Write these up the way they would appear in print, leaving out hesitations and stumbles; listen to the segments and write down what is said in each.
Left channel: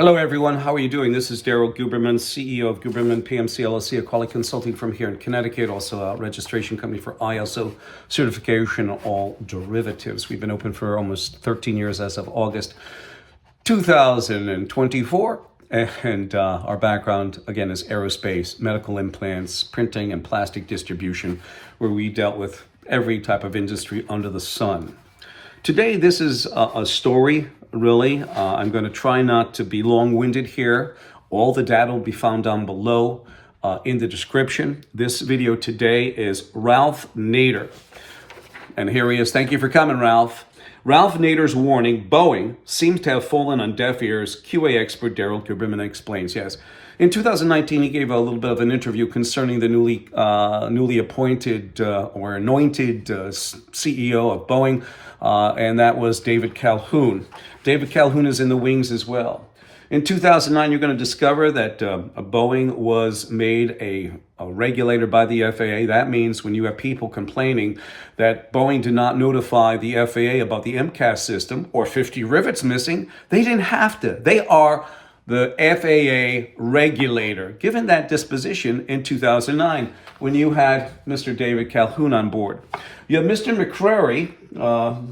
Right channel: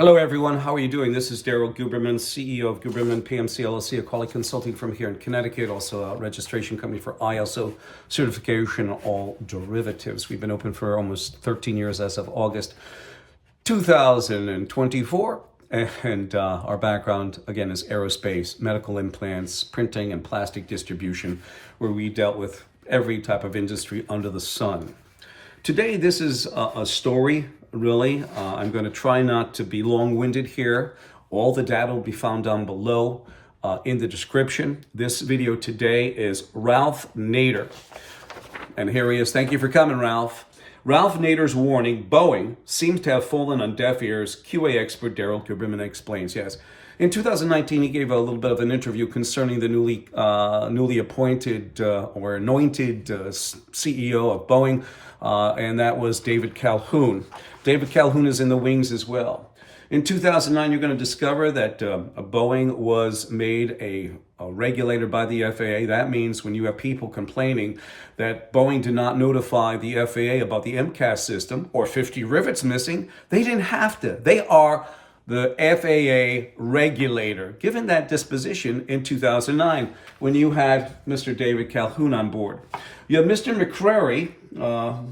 Hello, everyone. How are you doing? This is Daryl Guberman, CEO of Guberman PMC LLC, a quality consulting firm here in Connecticut, also a registration company for ISO certification, all derivatives. We've been open for almost 13 years as of August 2024. And our background, again, is aerospace, medical implants, printing, and plastic distribution, where we dealt with every type of industry under the sun. Today, this is a story, really. I'm going to try not to be long-winded here. All the data will be found down below in the description. This video today is Ralph Nader. And here he is. Thank you for coming, Ralph. Ralph Nader's warning, Boeing, seems to have fallen on deaf ears, QA expert Daryl Guberman explains. Yes. In 2019, he gave a little bit of an interview concerning the newly appointed or anointed CEO of Boeing, and that was David Calhoun. David Calhoun is in the wings as well. In 2009, you're going to discover that Boeing was made a regulator by the FAA. That means when you have people complaining that Boeing did not notify the FAA about the MCAS system or 50 rivets missing, they didn't have to. They are the FAA regulator, given that disposition in 2009 when you had Mr. David Calhoun on board. You have Mr.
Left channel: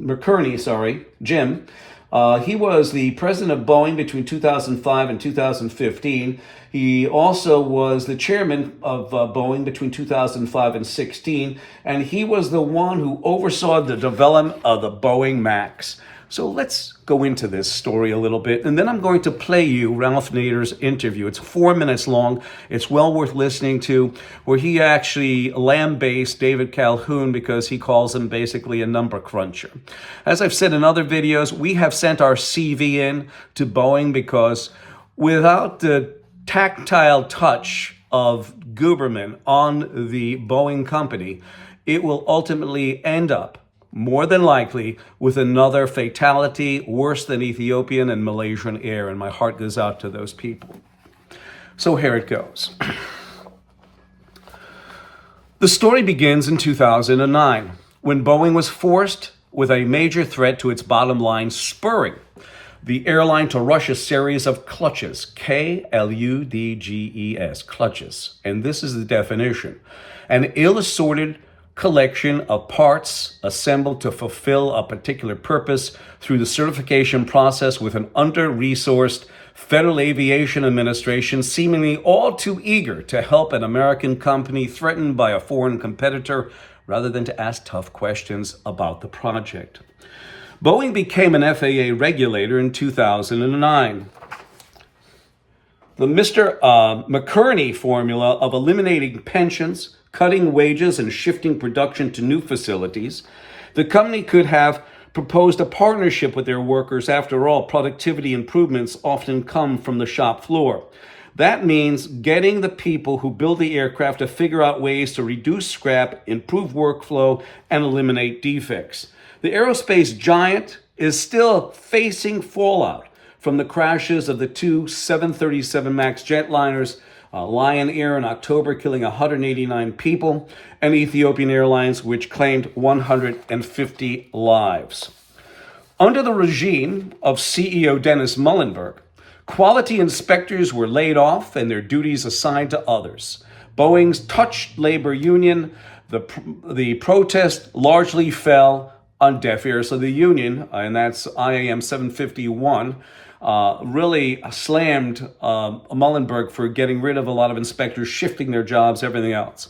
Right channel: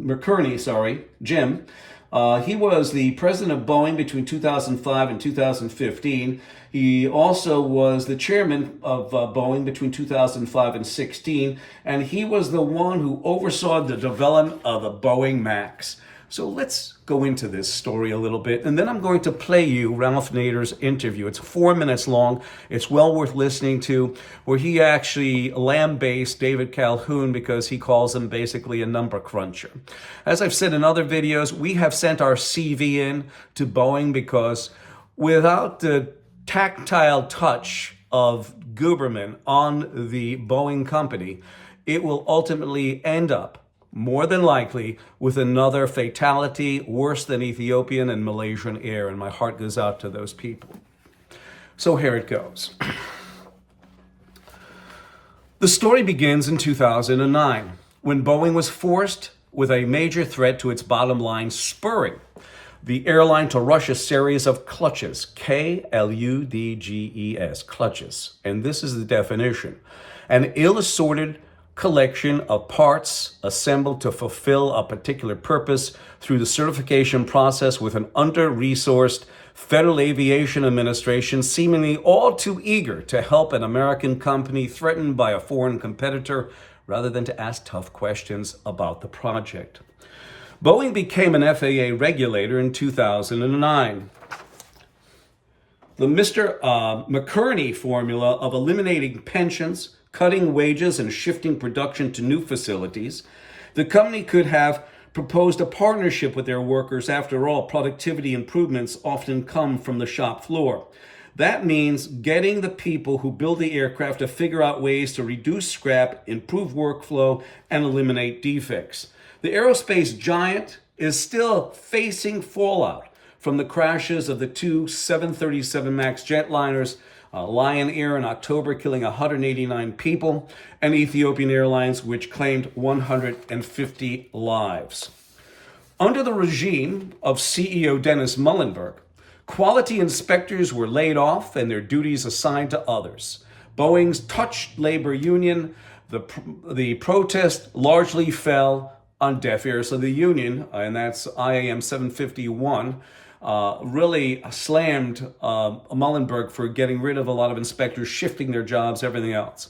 McNerney, Jim. He was the president of Boeing between 2005 and 2015. He also was the chairman of Boeing between 2005 and 16, and he was the one who oversaw the development of the Boeing MAX. So let's go into this story a little bit, and then I'm going to play you Ralph Nader's interview. It's 4 minutes long. It's well worth listening to, where he actually lambastes David Calhoun because he calls him basically a number cruncher. As I've said in other videos, we have sent our CV in to Boeing because without the tactile touch of Guberman on the Boeing company, it will ultimately end up more than likely with another fatality worse than Ethiopian and Malaysian Air, and my heart goes out to those people. So here it goes. The story begins in 2009, when Boeing was forced with a major threat to its bottom line, spurring the airline to rush a series of clutches, K-L-U-D-G-E-S, clutches. And this is the definition: an ill-assorted collection of parts assembled to fulfill a particular purpose through the certification process with an under-resourced Federal Aviation Administration seemingly all too eager to help an American company threatened by a foreign competitor rather than to ask tough questions about the project. Boeing became an FAA regulator in 2009. The Mr. McNerney formula of eliminating pensions, cutting wages, and shifting production to new facilities, the company could have proposed a partnership with their workers. After all, productivity improvements often come from the shop floor. That means getting the people who build the aircraft to figure out ways to reduce scrap, improve workflow, and eliminate defects. The aerospace giant is still facing fallout from the crashes of the two 737 MAX jetliners, Lion Air in October, killing 189 people, and Ethiopian Airlines, which claimed 150 lives. Under the regime of CEO Dennis Muhlenberg, quality inspectors were laid off and their duties assigned to others. Boeing's touched labor union, the protest largely fell on deaf ears. So the union, and that's IAM 751, really slammed Muhlenberg for getting rid of a lot of inspectors, shifting their jobs, everything else.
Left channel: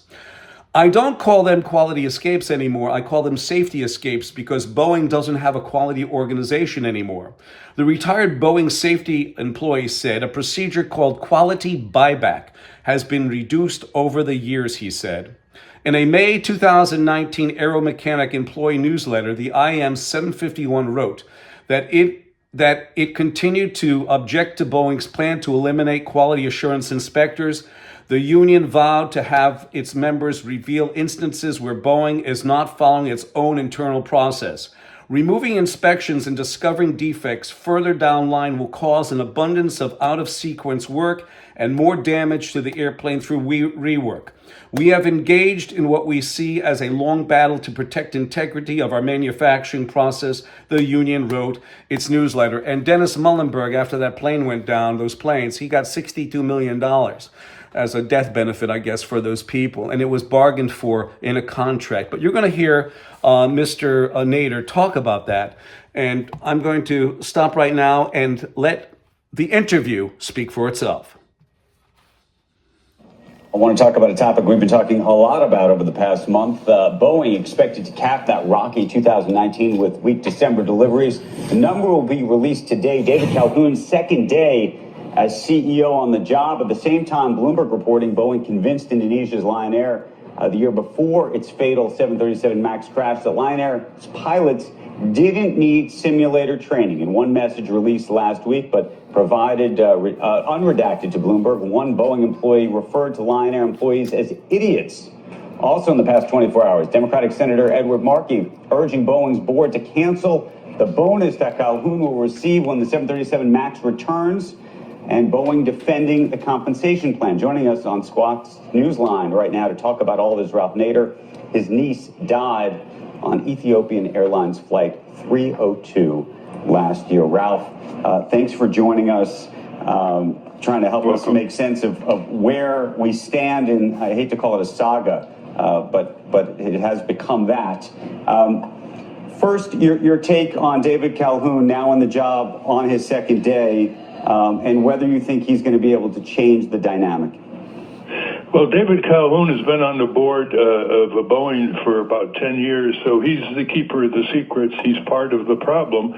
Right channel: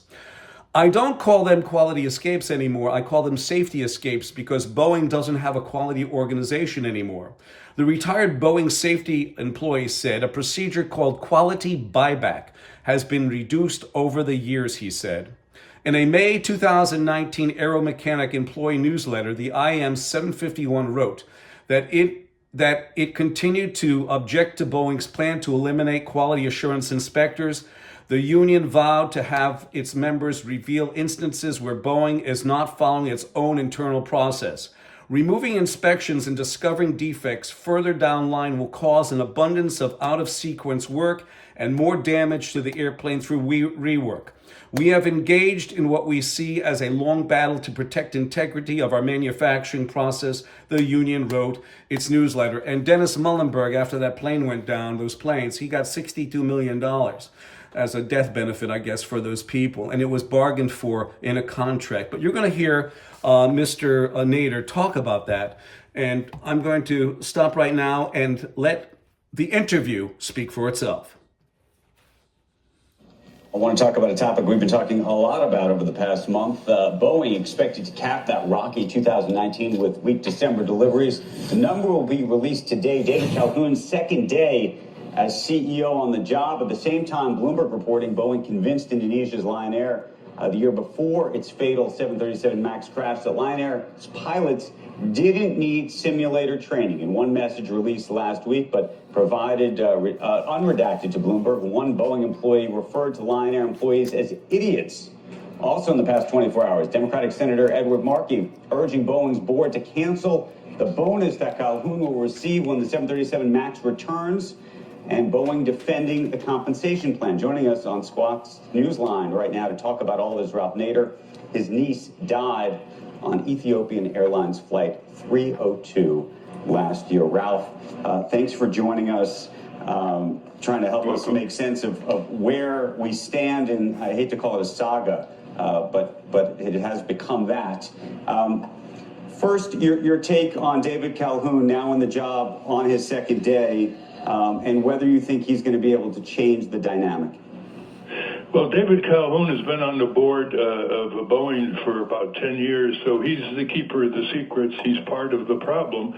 I don't call them quality escapes anymore. I call them safety escapes because Boeing doesn't have a quality organization anymore. The retired Boeing safety employee said a procedure called quality buyback has been reduced over the years, he said. In a May 2019 Aeromechanic employee newsletter, the IM 751 wrote that it continued to object to Boeing's plan to eliminate quality assurance inspectors. The union vowed to have its members reveal instances where Boeing is not following its own internal process. Removing inspections and discovering defects further down line will cause an abundance of out-of-sequence work and more damage to the airplane through rework. We have engaged in what we see as a long battle to protect integrity of our manufacturing process, the union wrote its newsletter. And Dennis Muhlenberg, after that plane went down, those planes, he got $62 million as a death benefit, I guess, for those people. And it was bargained for in a contract. But you're going to hear Mr. Nader talk about that. And I'm going to stop right now and let the interview speak for itself. I want to talk about a topic we've been talking a lot about over the past month. Boeing expected to cap that rocky 2019 with weak December deliveries. The number will be released today. David Calhoun's second day as CEO on the job. At the same time, Bloomberg reporting Boeing convinced Indonesia's Lion Air the year before its fatal 737 MAX crash that Lion Air's pilots didn't need simulator training. In one message released last week, but provided unredacted to Bloomberg, one Boeing employee referred to Lion Air employees as idiots. Also in the past 24 hours, Democratic Senator Edward Markey urging Boeing's board to cancel the bonus that Calhoun will receive when the 737 MAX returns, and Boeing defending the compensation plan. Joining us on Squawk's Newsline right now to talk about all this, Ralph Nader. His niece died on Ethiopian Airlines Flight 302 last year. Ralph, thanks for joining us, trying to help us make sense of where we stand in, I hate to call it a saga, but it has become that. First, your take on David Calhoun now on the job on his second day, and whether you think he's going to be able to change the dynamic. Well, David Calhoun has been on the board of Boeing for about 10 years, so he's the keeper of the secrets. He's part of the problem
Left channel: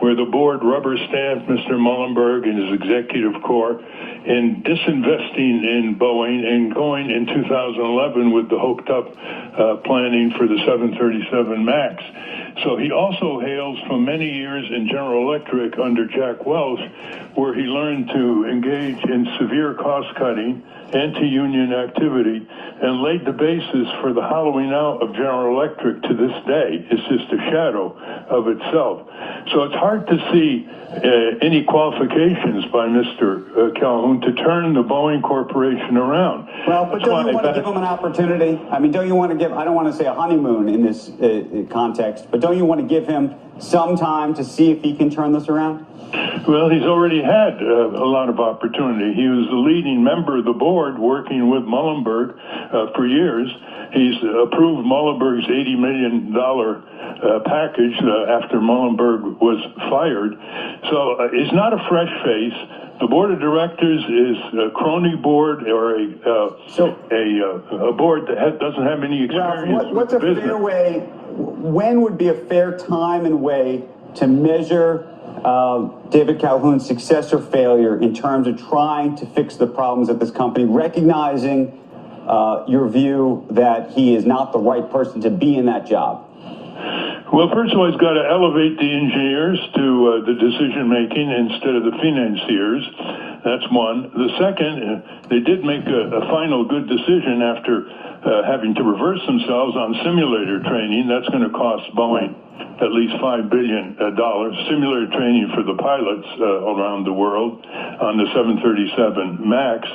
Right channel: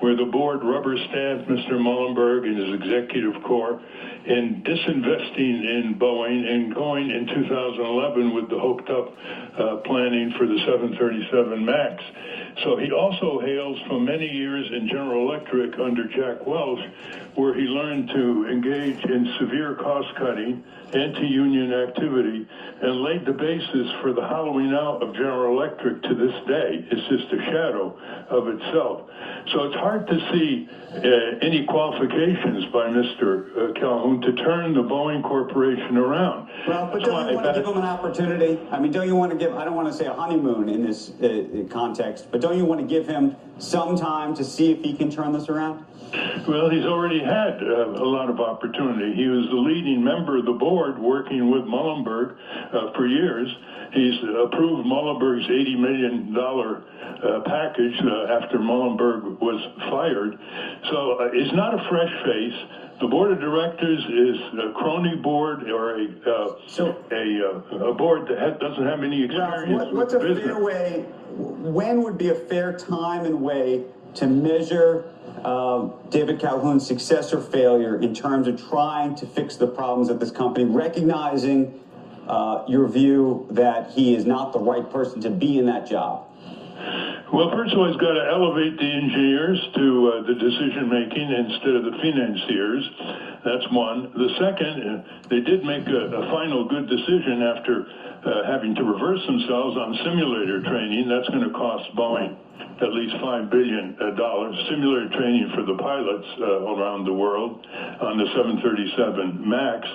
where the board rubber stamped Mr. Muhlenberg and his executive corps in disinvesting in Boeing and going in 2011 with the hoped up planning for the 737 MAX. So he also hails from many years in General Electric under Jack Welch, where he learned to engage in severe cost cutting, anti-union activity, and laid the basis for the hollowing out of General Electric to this day. It's just a shadow of itself. So it's hard to see any qualifications by Mr. Calhoun to turn the Boeing Corporation around. Well, but don't you want to give him an opportunity? I mean, don't you want to give, I don't want to say a honeymoon in this context, but don't you want to give him some time to see if he can turn this around? Well, he's already had a lot of opportunity. He was the leading member of the board working with Muhlenberg for years. He's approved Muhlenberg's $80 million package after Muhlenberg was fired. So he's not a fresh face. The board of directors is a crony board or a board that doesn't have any experience. What's a fair way? When would be a fair time and way to measure David Calhoun's success or failure in terms of trying to fix the problems at this company, recognizing your view that he is not the right person to be in that job? Well, first of all, he's got to elevate the engineers to the decision-making instead of the financiers. That's one. The second, they did make a final good decision after having to reverse themselves on simulator training. That's going to cost Boeing at least $5 billion. Simulator training for the pilots around the world on the 737 MAX.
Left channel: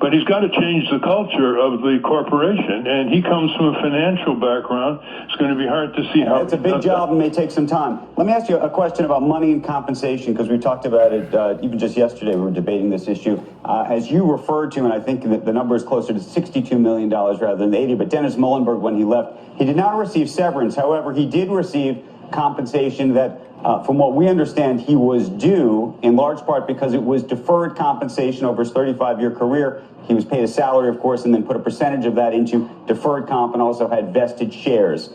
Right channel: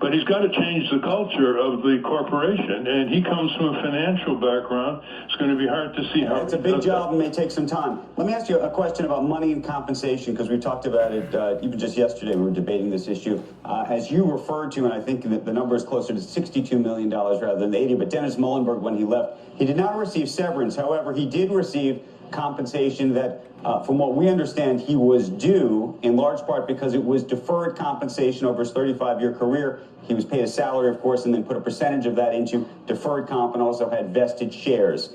But he's got to change the culture of the corporation, and he comes from a financial background. It's going to be hard to see how... It's a big job and may take some time. Let me ask you a question about money and compensation, because we talked about it even just yesterday. We were debating this issue. As you referred to, and I think that the number is closer to $62 million rather than 80, but Dennis Muhlenberg, when he left, he did not receive severance. However, he did receive compensation that, from what we understand, he was due, in large part because it was deferred compensation over his 35-year career. He was paid a salary, of course, and then put a percentage of that into deferred comp and also had vested shares.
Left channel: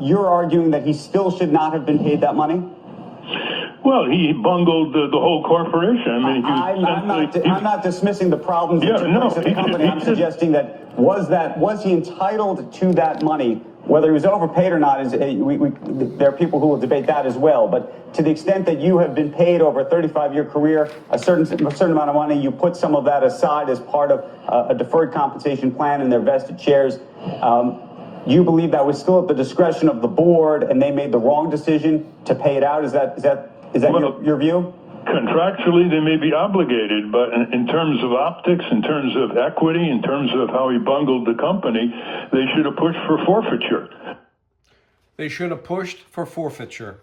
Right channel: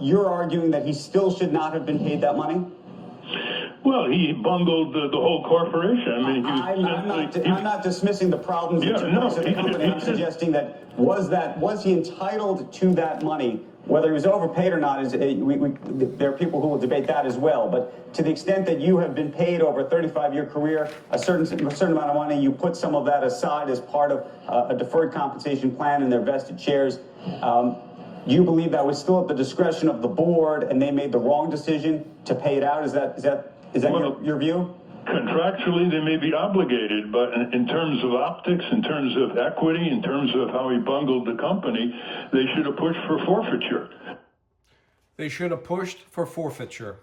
You're arguing that he still should not have been paid that money? Well, he bungled the whole corporation. I mean, I'm not dismissing the problems that took place at the company. I'm suggesting that was he entitled to that money? Whether he was overpaid or not, there are people who will debate that as well. But to the extent that you have been paid over a 35-year career a certain amount of money, you put some of that aside as part of a deferred compensation plan and their vested shares. you believe that was still at the discretion of the board and they made the wrong decision to pay it out? Is that your view? Contractually, they may be obligated, but in terms of optics, in terms of equity, in terms of how he bungled the company, they should have pushed for forfeiture. They should have pushed for forfeiture.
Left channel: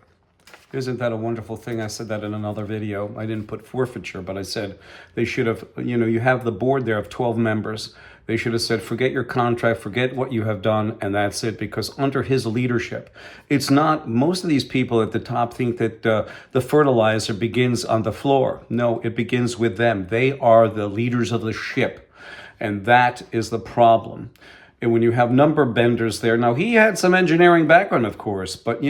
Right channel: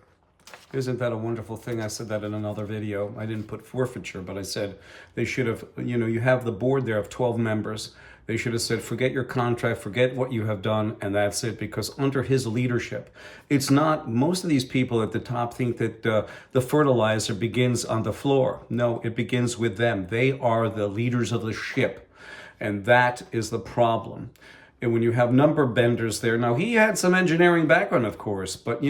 Isn't that a wonderful thing? I said that in another video. I didn't put forfeiture, but I said they should have, you have the board there of 12 members. They should have said, forget your contract, forget what you have done, and that's it, because under his leadership, it's not, most of these people at the top think that the fertilizer begins on the floor. No, it begins with them. They are the leaders of the ship, and that is the problem. And when you have number benders there, now he had some engineering background, of course, but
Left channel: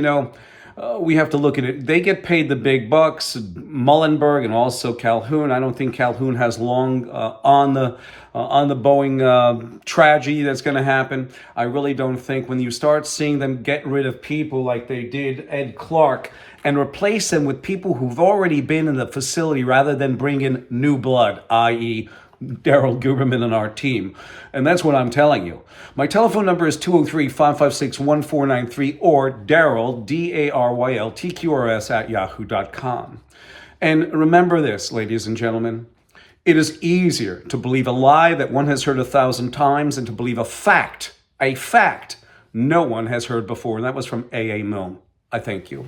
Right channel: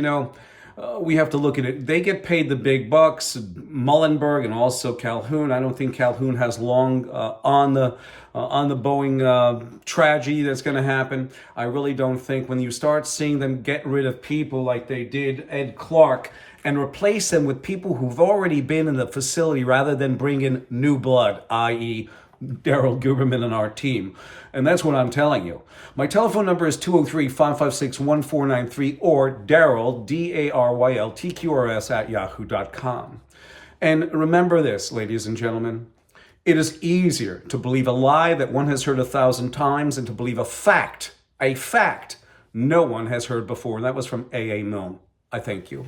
we have to look at it. They get paid the big bucks, Muhlenberg and also Calhoun. I don't think Calhoun has long on the Boeing tragedy that's going to happen. I really don't think when you start seeing them get rid of people like they did Ed Clark and replace them with people who've already been in the facility rather than bring in new blood, i.e., Daryl Guberman and our team. And that's what I'm telling you. My telephone number is 203-556-1493 or Daryl, DARYLTQRS at yahoo.com. And remember this, ladies and gentlemen, it is easier to believe a lie that one has heard 1,000 times than to believe a fact no one has heard before. And that was from A.A. Milne. I thank you.